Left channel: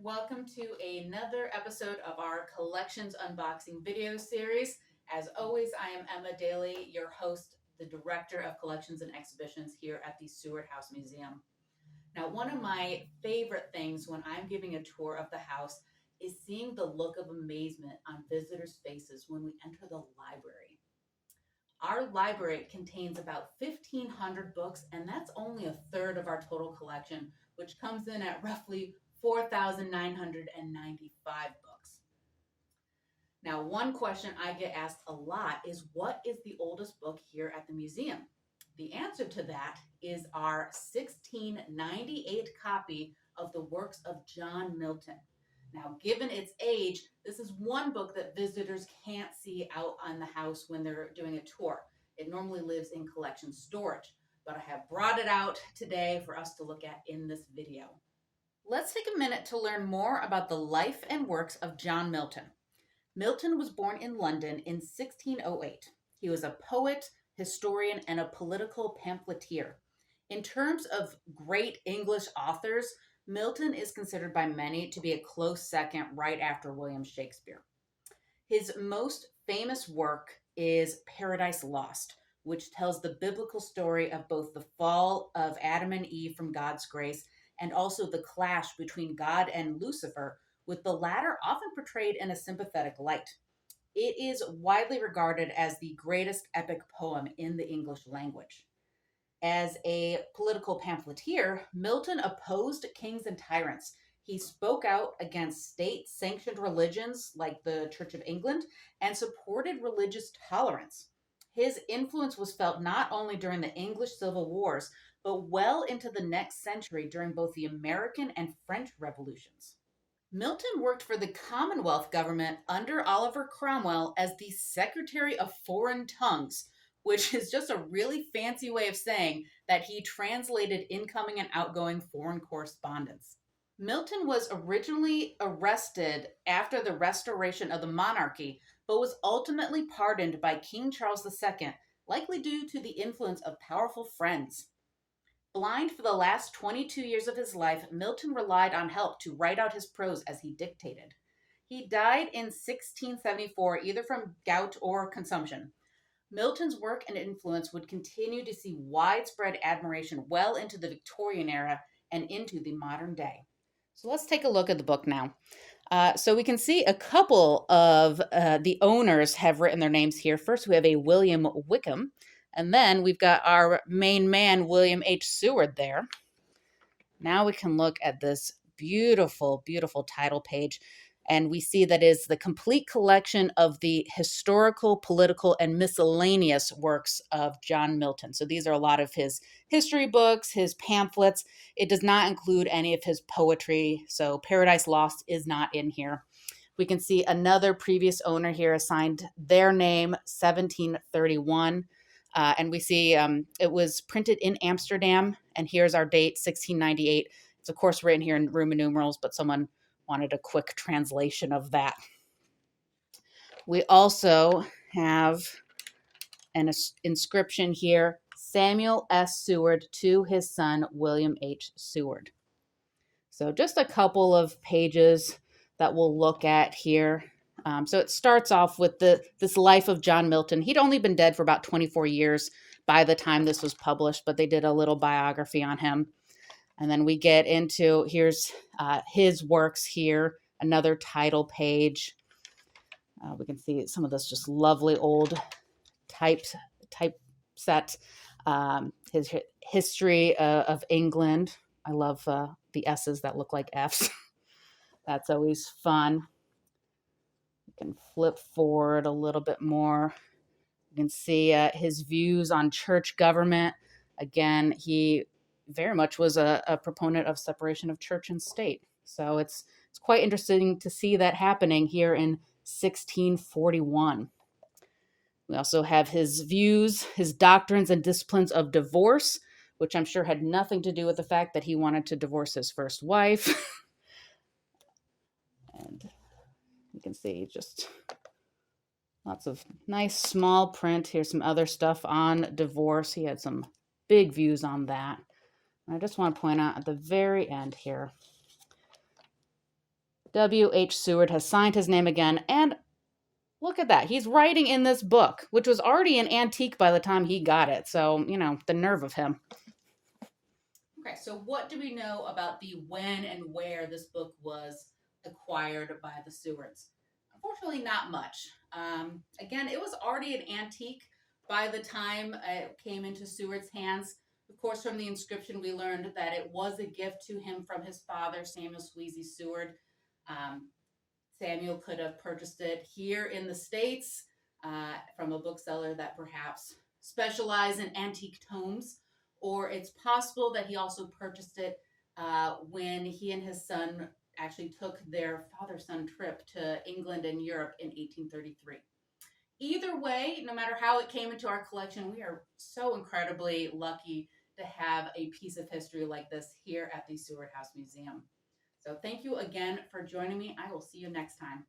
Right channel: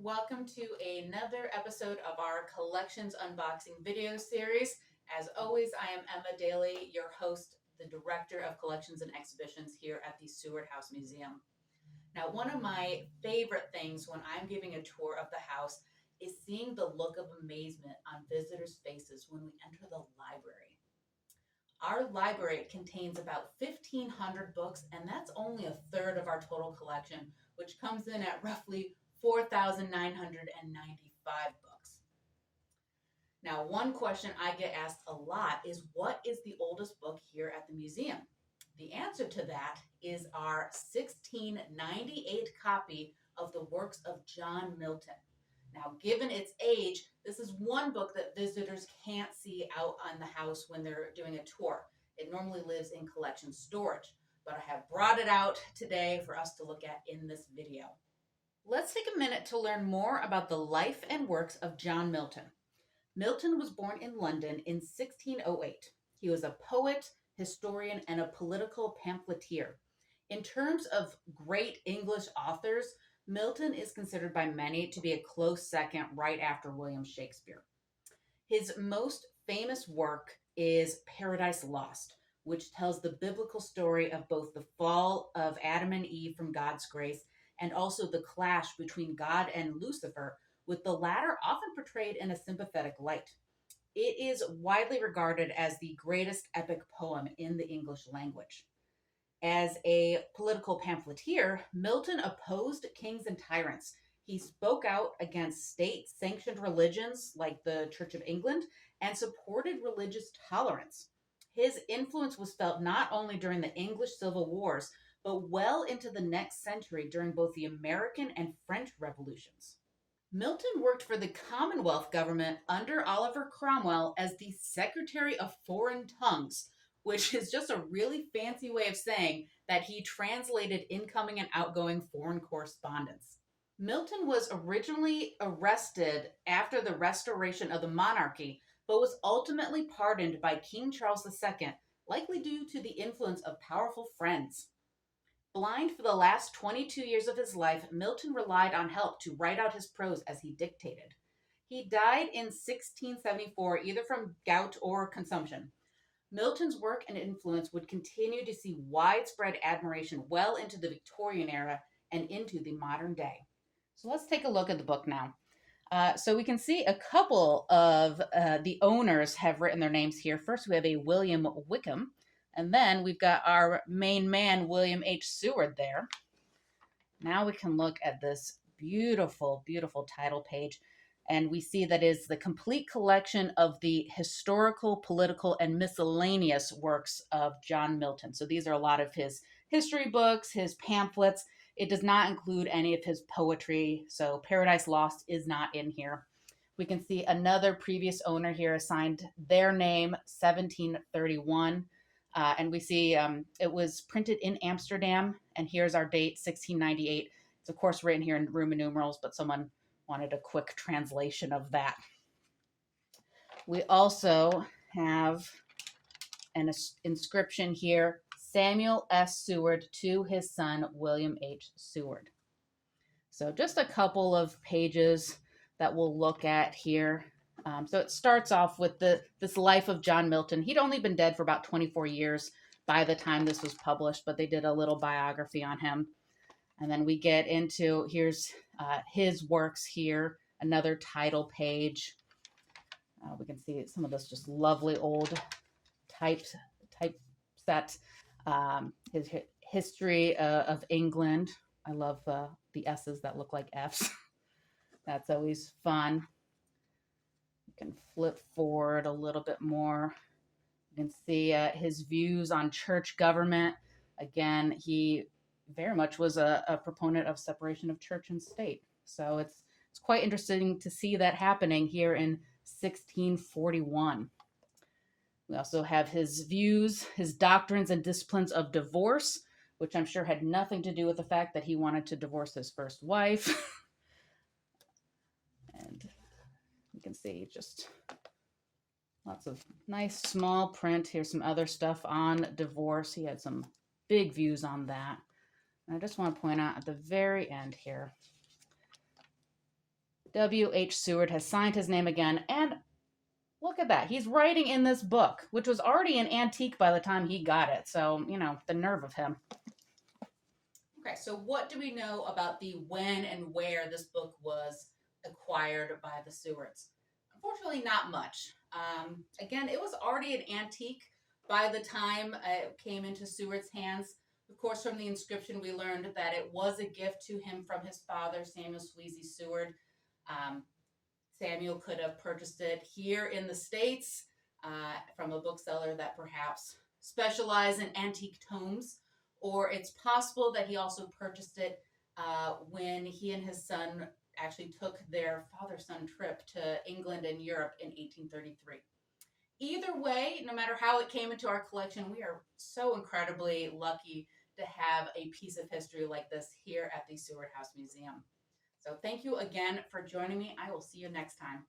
Welcome to another episode of our collections unboxing video series. As always, I am Emma Daly, your host, the Director of Collections and Exhibitions here at the Seward House Museum. Now, one of my favorite things when I'm giving a tour of the house is seeing the look of amazement on visitors' faces when we enter the library. Our library contains about 1,500 books, and that's only a third of our total collection, which comes in at roughly 4,995 books. Now, one question I get asked a lot is what is the oldest book here at the museum? The answer to that is our 1698 copy of the works of John Milton. Now, given its age, this is one book that visitors can't see out on the house when they're doing a tour. It normally lives in collection storage, but I have brought it out today for us to look at in this video. Let's take a minute to learn more about the life and works of John Milton. Milton was born in London in 1608. He was a poet, historian, and a political pamphleteer. In terms of great English authors, Milton is considered by many to be a close second right after William Shakespeare. His most famous work is Paradise Lost, which tells the biblical story of both the fall of Adam and Eve from God's grace and also the clash between God and Lucifer, with the latter often portrayed in a sympathetic light. It is widely regarded as the greatest epic poem in the English language. As a political pamphleteer, Milton opposed kings and tyrants. He spoke out against state-sanctioned religions like the Church of England and supported religious tolerance. His influence was felt not only during the English Civil Wars, but well into the next century during both the American and French revolutions. Milton worked for the Commonwealth government under Oliver Cromwell as the Secretary of Foreign Tongues, which is just a really fancy way of saying that he translated incoming and outgoing foreign correspondence. Milton was originally arrested after the restoration of the monarchy, but was ultimately pardoned by King Charles II, likely due to the influence of powerful friends. Blind for the last 22 years of his life, Milton relied on help to write out his prose as he dictated. He died in 1674, either from gout or consumption. Milton's work and influence would continue to see widespread admiration well into the Victorian era and into the modern day. So let's take a look at the book now. So we can see a couple of the owners have written their names here. First, we have a William Wickham, and then we've got our main man, William H. Seward there. Now we can look at this beautiful, beautiful title page. And we see that is the complete collection of the historical, political, and miscellaneous works of John Milton. So these are a lot of his history books, his pamphlets. It does not include any of his poetry. So Paradise Lost is not in here. We can see another previous owner here assigned their name, 1731. And we see it was printed in Amsterdam. And here's our date, 1698. It's, of course, written here in Roman numerals, but someone wanted a quick translation of that. We also have an inscription here, Samuel S. Seward to his son, William H. Seward. So just a couple of pages that we'll look at here. So it starts off with this life of John Milton. He'd only been dead for about 24 years by the time this was published, but they did a little biography on him. And then we get into, here's his works here, another title page. We can see some of this just lovely old typeset. His history of England. I love the S's that look like F's. That's always fun. You can flip forward a little bit more. You can see his views on church government. Again, he very much was a proponent of separation of church and state. So it's quite interesting to see that happening here in 1641. We also have his views, his doctrines and disciplines of divorce, which I'm sure had nothing to do with the fact that he wanted to divorce his first wife. And you can see just lots of nice small print. Here's some other stuff on divorce. He had some big views on that. I just want to point out at the very end here, W.H. Seward has signed his name again, and look at that. He's writing in this book, which was already an antique by the time he got it. So, the nerve of him. Okay, so what do we know about the when and where this book was acquired by the Sewards? Unfortunately, not much. Again, it was already an antique by the time it came into Seward's hands. Of course, from the inscription, we learned that it was a gift to him from his father, Samuel Sweezy Seward. Um, Samuel could have purchased it here in the States from a bookseller that perhaps specialized in antique tomes, or it's possible that he also purchased it when he and his son actually took their father-son trip to England and Europe in 1833. Either way, no matter how it came into our collection, we are so incredibly lucky to have a piece of history like this here at the Seward House Museum. So thank you again for joining me. I will see you next time.